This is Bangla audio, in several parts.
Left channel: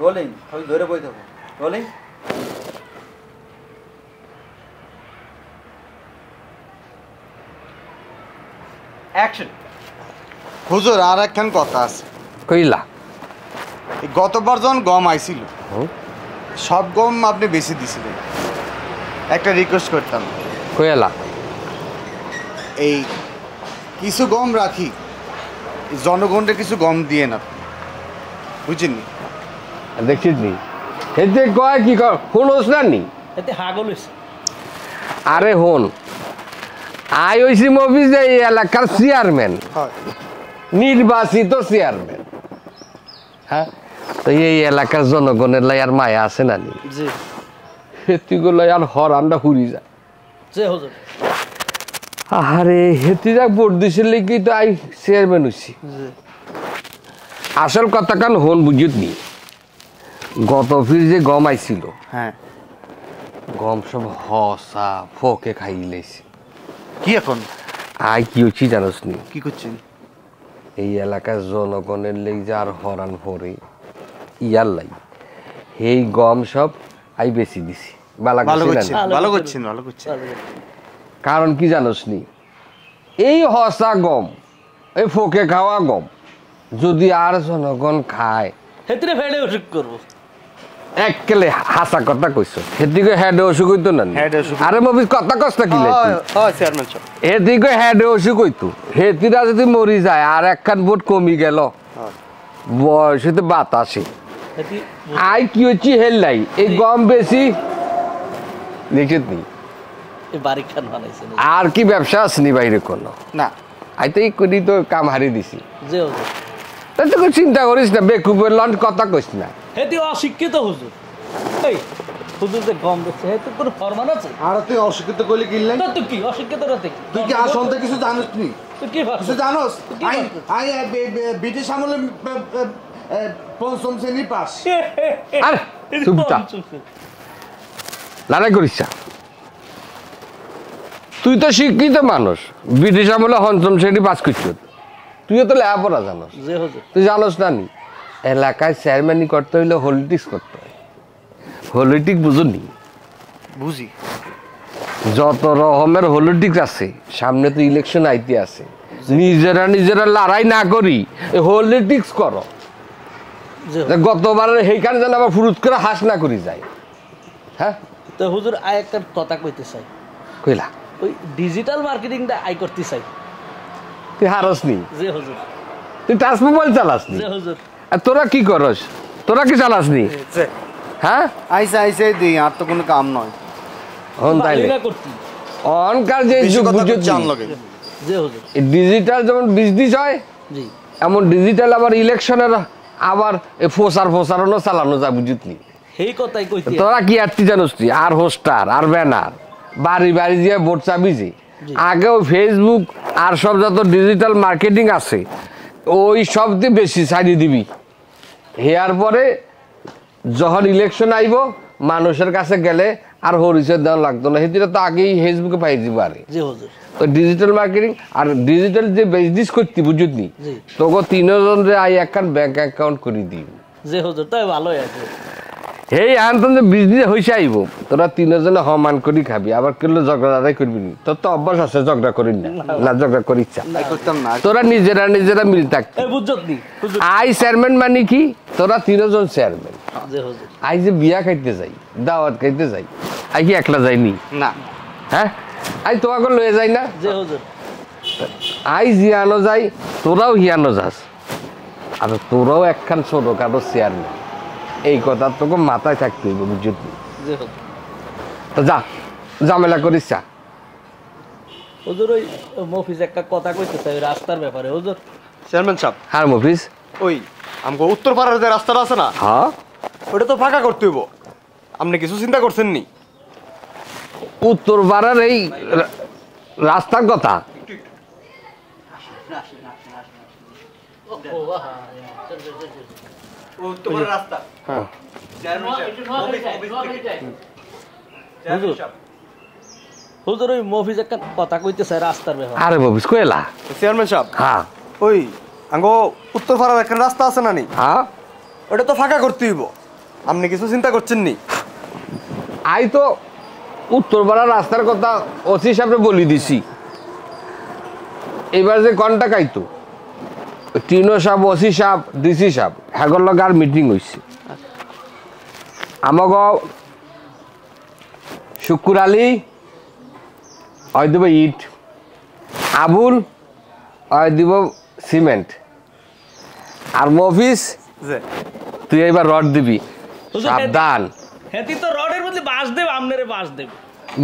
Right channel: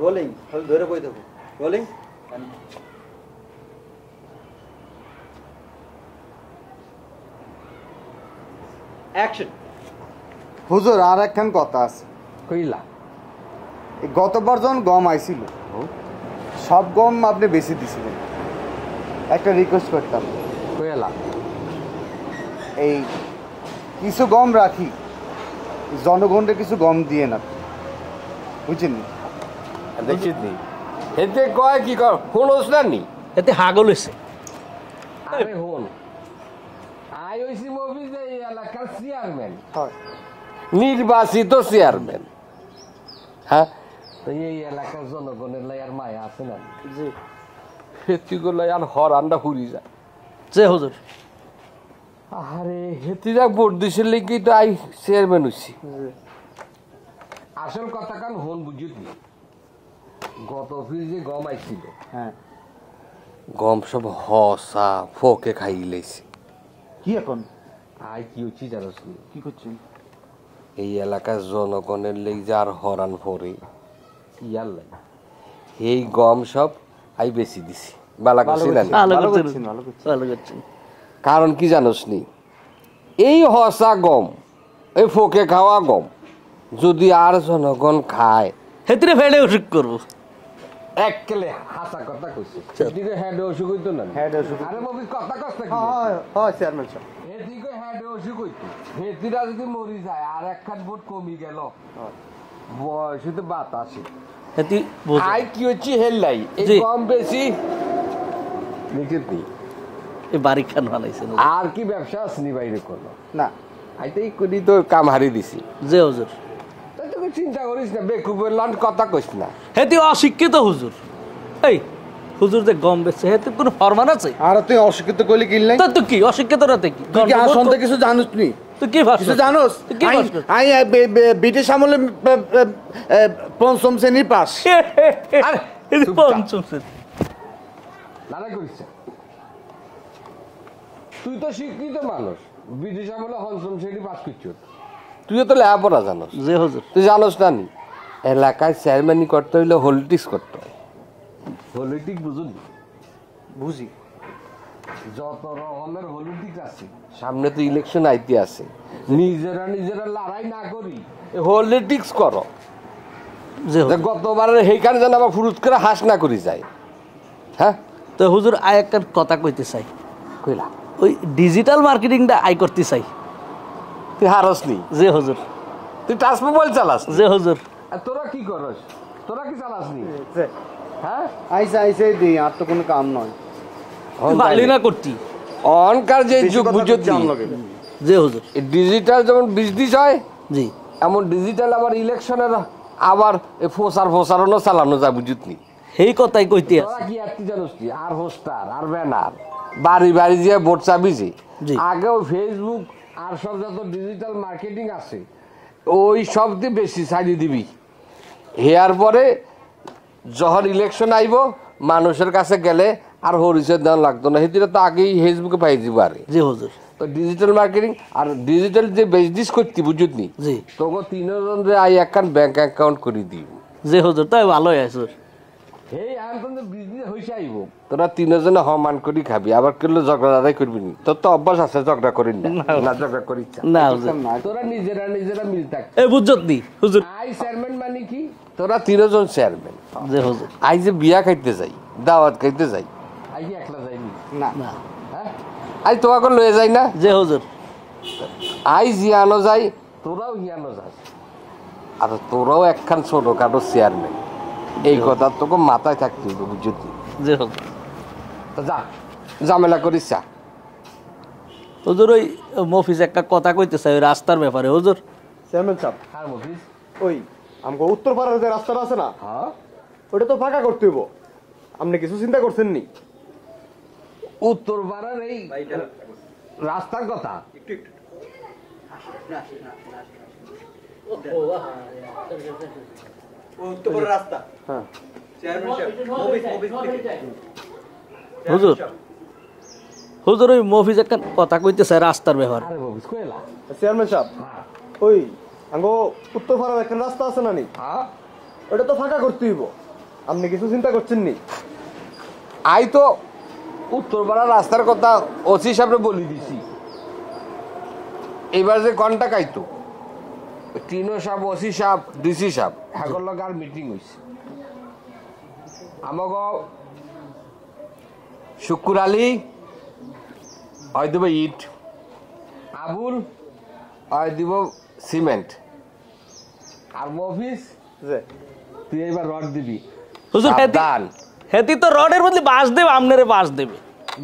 রোলিং ধরে বই থাকো রোলিং অ্যাকশন হুজুর আর একখান কথা আছে কইলা গতবার যখন গম আইছিল সব গম আপনি বেশি দিছিলেন একটা রিকোয়েস্ট করতাম কইলা এই কিছু গম রাখি জনগণকে কিছু গম দিয়ে না বুঝছেননি দেখছিস নি হেতে কয় কি শুনোস না নি এতে হাগল হয়েছে আরে হন আই হইছি মফিজ এই এলাকার চেয়ারম্যান নির্বাচিত চেয়ারম্যান হ্যাঁ তো এই এলাকার জনগণের লাই আর মায়া আছে না নি জি হেতিগুলো আর হরান্ডা হুরি যায় যে হুজুর আরে হেতিরা ভোট দিছিল কি তো আই চেয়ারম্যান হইছি আসল কথা কান হন বুঝিত নি গত ফির যে গম আইছিল হ্যাঁ গম সব হসা ফোকে খাই লাইছে কি এখন আই কি হচ্ছি জানোস নি কি করছেন এই এলাকার জনগণের লেগ যার হরান পরে ইয়ার লাই এই গম সব আই বেশি দিছি বালা ভালো করছি না করছেন নি? ভালো করছেন ভালো করছেন ভালো করছি কারণ কি জানোস নি এই হসা গম এই ফোকে খাওয়া গম যদি আর জনগণ খায় হেতরে ফেলে অসুখ করবো এককেলে হাসা কথা কইছো এদিকে হেডে অসুখ হইতো না নি? হেডে অসুখ আরে মফিজ কথা কষ্ট কি লাইছি চেয়ারম্যান সাহেব এদিকে হেডে অসুখ হইতো হেতিরা যদি মরি যায় আর একখান ভোট কমি গেল বয়সে বাতাসে হেতি আই কি হচ্ছে হেললাই এই জি। গম বেশি নিশ্চিত নি এই বাড়ি খান বানাইছে আর কি ব্যবসা আসনি বাইরে কোনো না আই তো এই করি তো কাম হারি দিছি যে হুজুর তাই তো কোনো চিন্তা করিস না বেকুবের লন্ড কথা কইস না হেতি অশিক্ষিত হুজুর এই হুজুর যে গম বেচছে হেতে কোনো ফরমান আছে আর তুই অশিক্ষিত কইলে কিনলে তা তো কি অশিক্ষিত রাতে কি তুই কি আসন্তে কিছু জানোস নি তুই কি ভাবছিস কিছু জানোস কি ভাবছিস? আই ব্রিটিশ আমলে পঞ্চম শ্রেণীর পাস আরে চুপ থাক। লড়াই করিস না। তুই তো শিক্ষিত মানুষ ব্রিটিশ আমলে পঞ্চম শ্রেণী পাস করছ তুইও তো লেখাপড়া জানোস যে হুজুর তুই জানোস না নি এলাকায় চেয়ারম্যানই করতে হইলে পলিটিক্স করতে হয় পলিটিক্স বুঝুনি বুঝি যত রকমের পলিটিক্স আছে সামনে তো ইলেকশন আইতে আছে নিজেরা লড়াই না করি পলিটিক্স করো যে হুজুর। গতবার সেইখানে যেন আবার ফুরুত করে হাস না করি যায় হ্যাঁ তো হুজুর আই একটা কথা কইতে চাই কইলা ওই ডিজিটাল মার্কেটিংটা আই করতে চাই তুই হারস নি যে হুজুর তুই টাচ মোবাইল চালাস নি? যে হুজুর আর তোরা কি করস তোরা কি চালাস নি হ্যাঁ আইসে আইসে দিই আর তো কোনো কাম নয় বাড়ি না করতি অনকার যে যুগ বুঝছি যে হুজুর ডিজিটাল যেমন বিজনেস হয় জি এমন ডিজিটাল আবার ইলেকশনের আবার ফোসারও চালানো যায় বুঝিতনি এই কথাই কইতে তোরা কি আর জানোস তুই আর হোস্টার আর ব্যানার বাড়ি বাড়ি যে ভোট চাবি যে জি। আগেও ফেসবুক আর সব যত ডিজিটাল মার্কেটিং আছে ওই সব দিয়ে বেশি ছাড়িয়ে দিবি হেয়ার পরে যখন ইলেকশন আইব মানুষের কাছে গেলে আর হরিচয় দেওয়া লাগতো না সেদিন তো আগেই ফেসবুকে পাই দিব আরে যে হুজুর তো ডিজিটাল মার্কেটিং আর ডিজিটাল যে বিজনেস করতে বুঝলি জি তোকে তিনজন রে আই একখান ব্যাংক অ্যাকাউন্ট করে দিই যে হুজুর তাই ভালোই আছে হেই আনতন যে বিজনেস হয়েছে আইব তোরা তিনজনে সমান করি খাবি আবার কেলে ঝগড়াটাই করবি নি তোর তো অভ্যাস আছে ঝগড়া করি না না ঝগড়া করি ইচ্ছা না করতাম না তোরা নিজেরা মিল থাক এই বুঝছত নি হুজুর আই চেয়ারম্যান মানে কি তোরা তিনজন চেয়ারম্যান যে হুজুর আই যে বিয়া খাইতে যাই দাওয়াত খাইতে যাই আই কি একলা যাইনি না হ্যাঁ আই তোমাকে লয়ে যাই না যে হুজুর আই জিয়ানো যাই তোরাও হিয়ানো যাস আর তোরাও একখান ছোটখাটো চেয়ারম্যান এই কথা তোকে মাথায় থাকতে হইব বুঝলি যে হুজুর তো যা ঝামেলা করিস যা হুজুর ওই মফিজ একটা কথা কইতে চাই ওই রাস্তার ব্যাপারে হুজুর চেয়ারম্যান সাহেব হ্যাঁ মফিস ওই আমাকে উত্তর পাড়ার যে রাস্তাটা আছে না হ্যাঁ ওটা তো ফাঁকা করতে হইব আপনি কিছু চিন্তা করছেন নি উত্তর পাড়ার এই রাস্তার কথা হুজুর হুজুর ওই মফিজ একটা কথা কইতে চাই রাস্তার ব্যাপারে আরে মফিস কইলা চেয়ারম্যান সাহেব হ্যাঁ ওই আমাকে উত্তর পাড়ার একটা রাস্তা আছে না নি হ্যাঁ ওটা তো ফাঁকা করতে হইব আপনি কিছু চিন্তা করছেন নি? আই তো উত্তরপাড়া রাস্তার কথা ওসি সাহেবরে বলি দিছি, এবার যে কন্টাক্ট আইতো টিনো সাহেব, ওসি সাহেব, ডিসি সাহেব হ্যাগর লগে আর মিটিং হয়েছে। আমাগ শুকুর আলী হয় দিব ইট, আবুল হয় দিব সিমেন্ট, আর মফিস তুই এবার রড দিবি। সাবধান, হেতি তো রডের বদলে বাঁশ দেবে, আপনারে বাঁশ দেবে।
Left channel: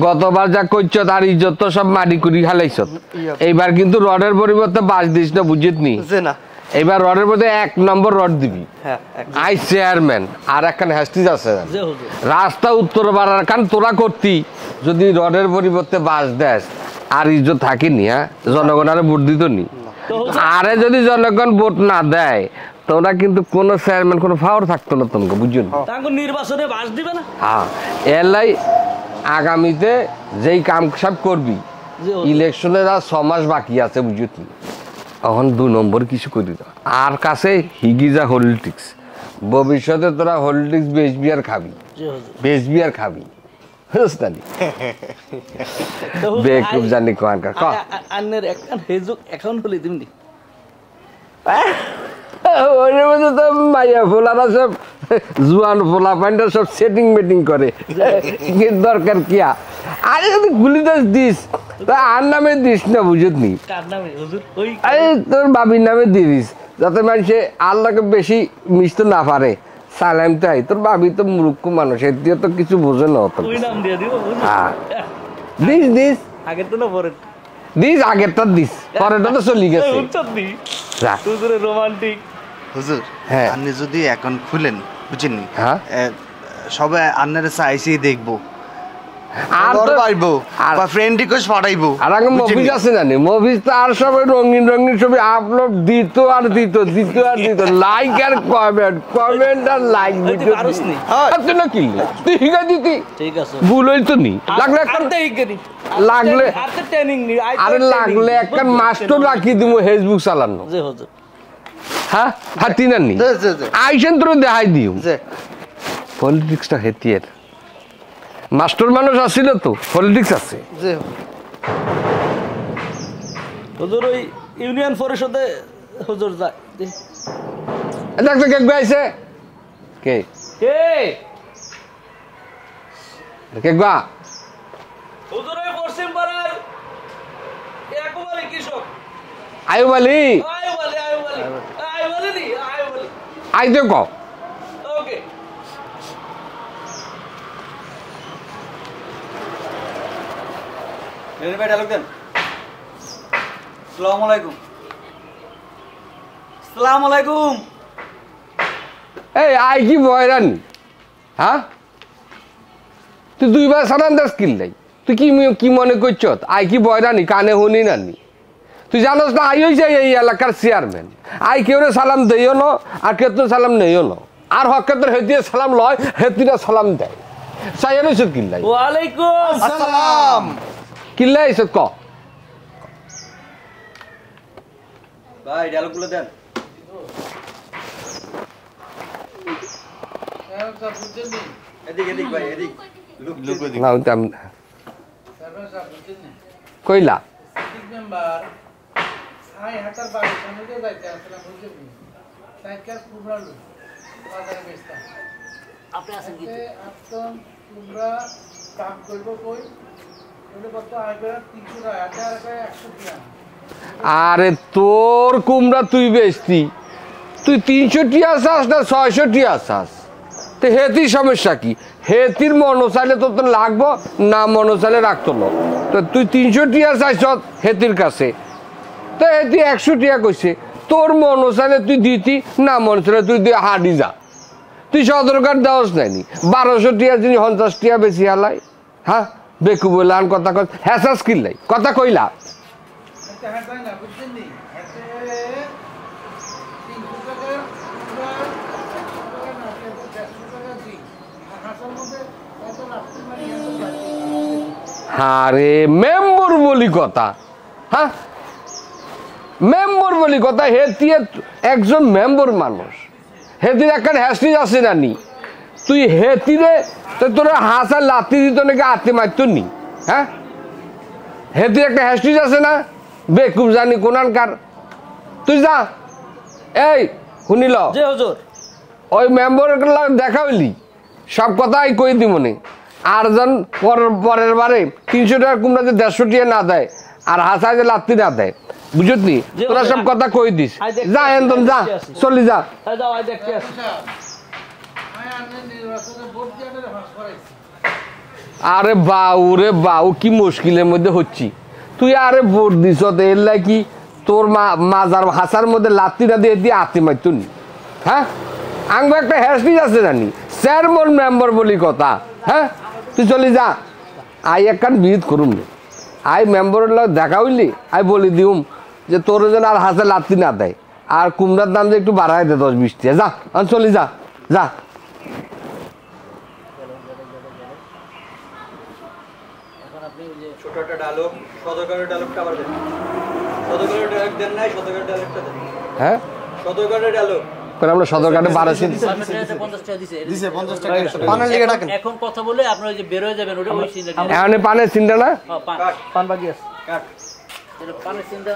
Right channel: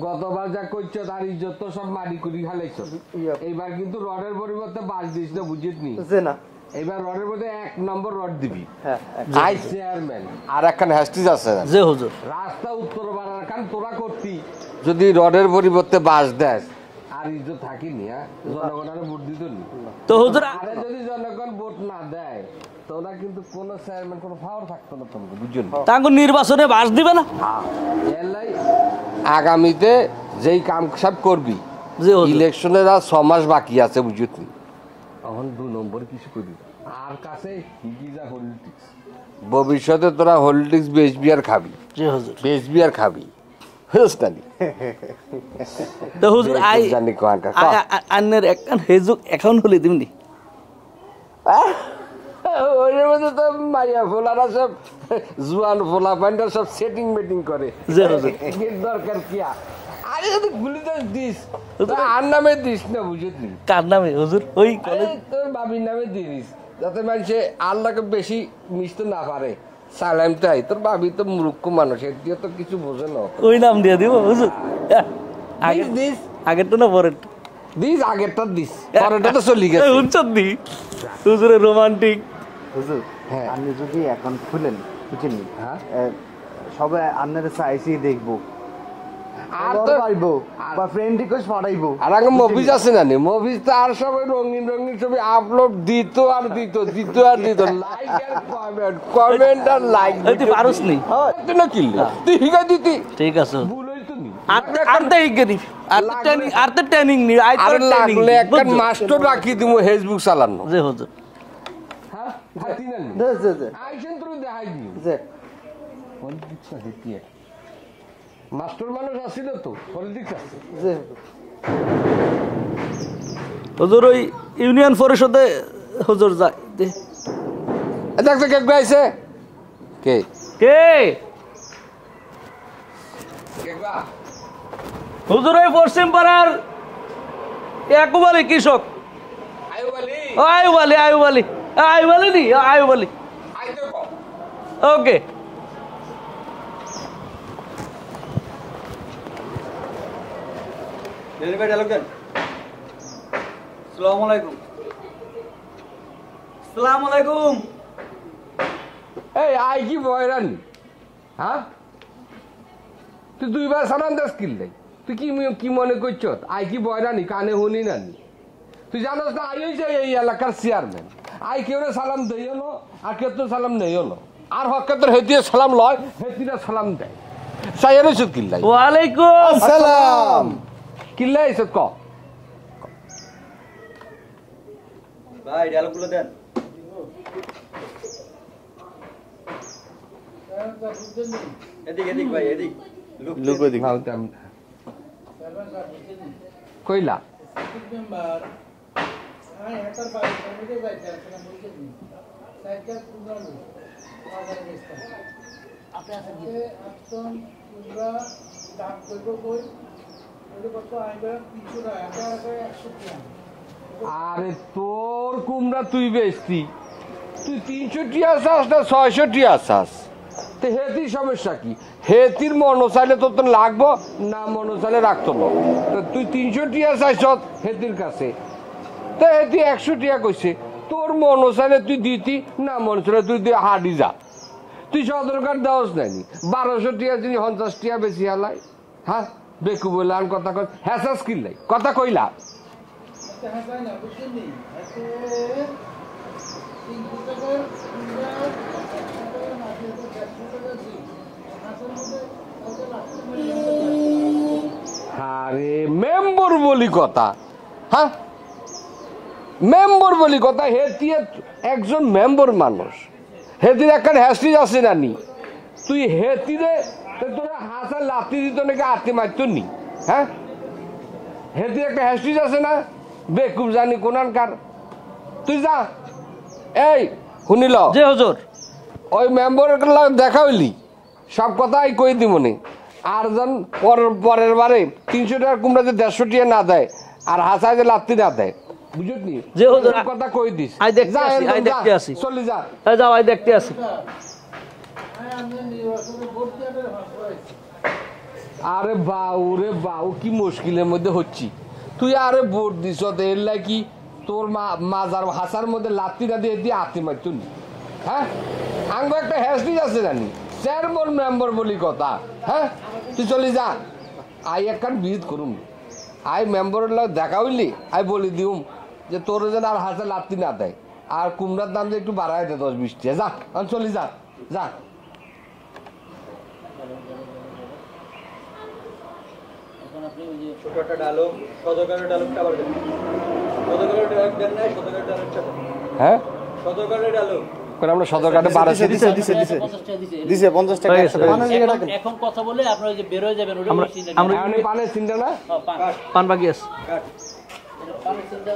গতবার যা করছ তার ইজ্জত তো সব মাটি কুড়ি খালাইছ, এইবার কিন্তু রডের পরিবর্তে বাঁশ দিস না, বুঝিস নি? না এইবার রডের মধ্যে 1 নম্বর রড দিবি। হ্যাঁ আই চেয়ারম্যান আর একখান হ্যাস্টিস আছে যে হুজুর রাস্তা উত্তর বাড়ার কারণ তোরা করতি, যদি রডের পরিবর্তে বাঁশ দেস আর ইজ্জত থাকিনি। হ্যাঁ, জনগণ আরে ভোট দিত নি। তো হুজুর আরে যদি জনগণ ভোট না দেয় তোরা কিন্তু কোনো চেয়ারম্যান কোনো পাওয়ার থাকতো না তোমাকে, বুঝুন? তাকে নির্বাচনে বাঁশ দিবে না। হ্যাঁ, এলাই আগামীতে যেই কাম সব করবি, যে হুজুর ইলেকশনের আর 6 মাস বাকি আছে, বুঝুন? এখন 2 নম্বর কিছু করি না আর কাছে হিগিজা হলিটিক্স, ভবিষ্যতে তোরা হলিটিক্স বেচবি আর খাবি, যে হুজুর বেচবি আর খাবি। বুঝতালি তো হুজুর বেকুব জানি কোয়ানকার ক। আন্নের একটা হেজুক অ্যাকাউন্ট খুলে দিবনি। ওর মধ্যে তো মাইয়া ফোলারা সব জুয়ান ফোলা পান্ডা সব সেটিং মেটিং করে, দরকার কিয়া? আরে যদি গুলি দিস তা আর নামে দিস না, বুঝতনি? কার নামে হুজুর? ওই আরে তোর বাবির নামে দিয়ে দিস, যাতে মানুষে আল্লাহকে বেশি মিশতে না পারে। সালাম তাই, তোর বাবি তো মূর্খ মানুষ, এর দিয়ে তো কিছু বোঝে না। ওই নাম দিয়ে দিব হুজুর। দিস দিস, আগের তো না পরের দিস, আগেরটা দিস, পরেরটা তো চলে গেছে। উচ্চদি যা। হুজুরের রোমান্টিক। হুজুর হ্যাঁ। আপনি যদি অ্যাকাউন্ট খুলেন, বুঝছেন? হ্যাঁ। সবাই আপনার চাইছি দেখবো, আর তো পাইবো আর- বা ফ্রেন্ড রিকোয়েস্ট পাঠাইবো। আর আগে মফিজ আছে না, মফিজ তো আর সবাই রঙিন রঙিন ছবি আপলোড দিত আর দিত, আর দিত, লাইক আর কমেন্ট আর লাইক। তুই পারস নি? তুই না কিনলি, তুই হিগা দিতি, ঠিক আছে। ভুল হইতো নি। লাগলে আর তো ইগরি লাগলে- আর তো ট্রেনিং নি। আরে লাগলে একটা মাস্টার রাখি দিব ফেসবুক চালানো। যে হুজুর হ্যাঁ, হাতি না নি জি, জি, জি। আইসেন তোর দেখাই দিও। জি। পলিটিক্সটা হেতিয়ের মাস্টার মানুষ আসছিল তো, পলিটিক্স আছে। জি। হুজুর ওই ইউনিয়ন পরিষদে হুজুর যায়। দেখতে কে গাইছে, কে কে কে গা? হুজুর ওই পশ্চিম পাড়ার একুবালি কৃষক। আয়ুব আলী, আয়ুব আলী, আয়ুব আলী, আয়ুব আলী নি, আয়ুব আলী। আইতে ক। ওকে। ভাই ডায়লগ দেন। আসসালামু আলাইকুম। আসসালামু আলাইকুম। এই আই কি বয়রান? হ্যাঁ, তুই 2 বার সালাম দাস কিনলাই, তুই কি মনে করছ আই কি বয়রানি? কানে শুনি নানি? তুই জানোস না আই হইছে এই এলাকার চেয়ারম্যান। আই কেউ সালাম দেইও ন আর কেউ সালাম নেইও ন, আর হকের হেতিয়ে সালাম লয়, হেতিরা সালাম দেয়। সাইয়ার এসে কিনলাই। ওয়ালাইকুম সালাম। কিনলাই এসে ক। ভাই ডায়লগগুলো দেন। এদিক এদিক ভাই এদিক। লুক ওদিক। না, ওটা আমি- কইলা আরে তোর কুমড়া তুই বেচতি, তুই 300 টিয়া চাস না 600 টিয়া চাস? তো হেতির সমস্যা কি? হেতির মনোচাইলে তোর তো লাগবো না, মনোচাইলে রাখতো না। তো তুই 300 টিয়া চাইছ হেতির কাছে, তো হেতি 100 টিয়া কইছে। তোর মনোচাইলে তুই দিতি, না মনোচাইলে তুই দিয়ে হাঁটি যা। তুই সদরকার দেওয়াস নাইনি 1200 টিয়া যিনি 50 টিয়া বেশি হালাই। হ্যাঁ, বেকু বললাম কথা কই, হ্যাঁ কিনলাই কথা কইলা। আরে মেম্বর বলি কথা, হ্যাঁ মেম্বর বলি কথা। হেতি একজন মেম্বর মানুষ, হেতির একটা হ্যাস্টিজ আছে নানি। তুই হেতি রে তো তোর হাসা লাতি দিত নাকি আত্মি মারত নি হ্যাঁ হেতি একটা হ্যাস্টিজ আছে না বেকুব জানি কোনানকার তুই যা এই শুনিল জি হুজুর ওই মেম্বারের দেখা হইলি সব কথাই কই দি মনে আর যেন পরের বারে 300 টাকা কুমড়া যে 150 টাকা না দেয় আর হাসায় যে লাত্তি না দেয় বুঝতনি তোরা সব কথা কই দিস যা একদম যা চলি যা যাও আই দেখতে আসি আরে বাউ রে বাউ কি মুশকিলের মধ্যে হচ্ছি তুই আরে ভোট দিস এর কি তোর মাজার হাসার মধ্যে লাত্তি না দিয়ে দিয়ে আত্মি মারতুনি হ্যাঁ আঙ্গ একটা হ্যাস্টিজ আছে জানি চেয়ারম্যান মেম্বার বলি কথা হ্যাঁ তুই চলি যা আই একখান বিহিত করুম আই মেম্বারের লোক দেখা হইলি আই বলি দিউম যে তোর যেন আর হাসে লাত্তি না দেয় আর কুমড়ার দাম যে একটু বাড়াই দে 10-20 টাকা যা আমি চলি যা যা ছোট একটা ডায়লগ শতকরের ডায়লগটা আবার দেন শতকরের ডায়লগ দেন নাই শতকরের ডায়লগটা দেন হ্যাঁ শতকরের ডায়লগ পরে আমরা সদর ঘাটে বাড়াইছি দিছে 50 টাকা 100 টাকা পানের লিগে ডাকেন এখন কথা বলে আপনারা যে বের হয়ে যাবেন ওটা এখানে পানের চিন্তা না পান বাকি আছে কাট পানের চিন্তা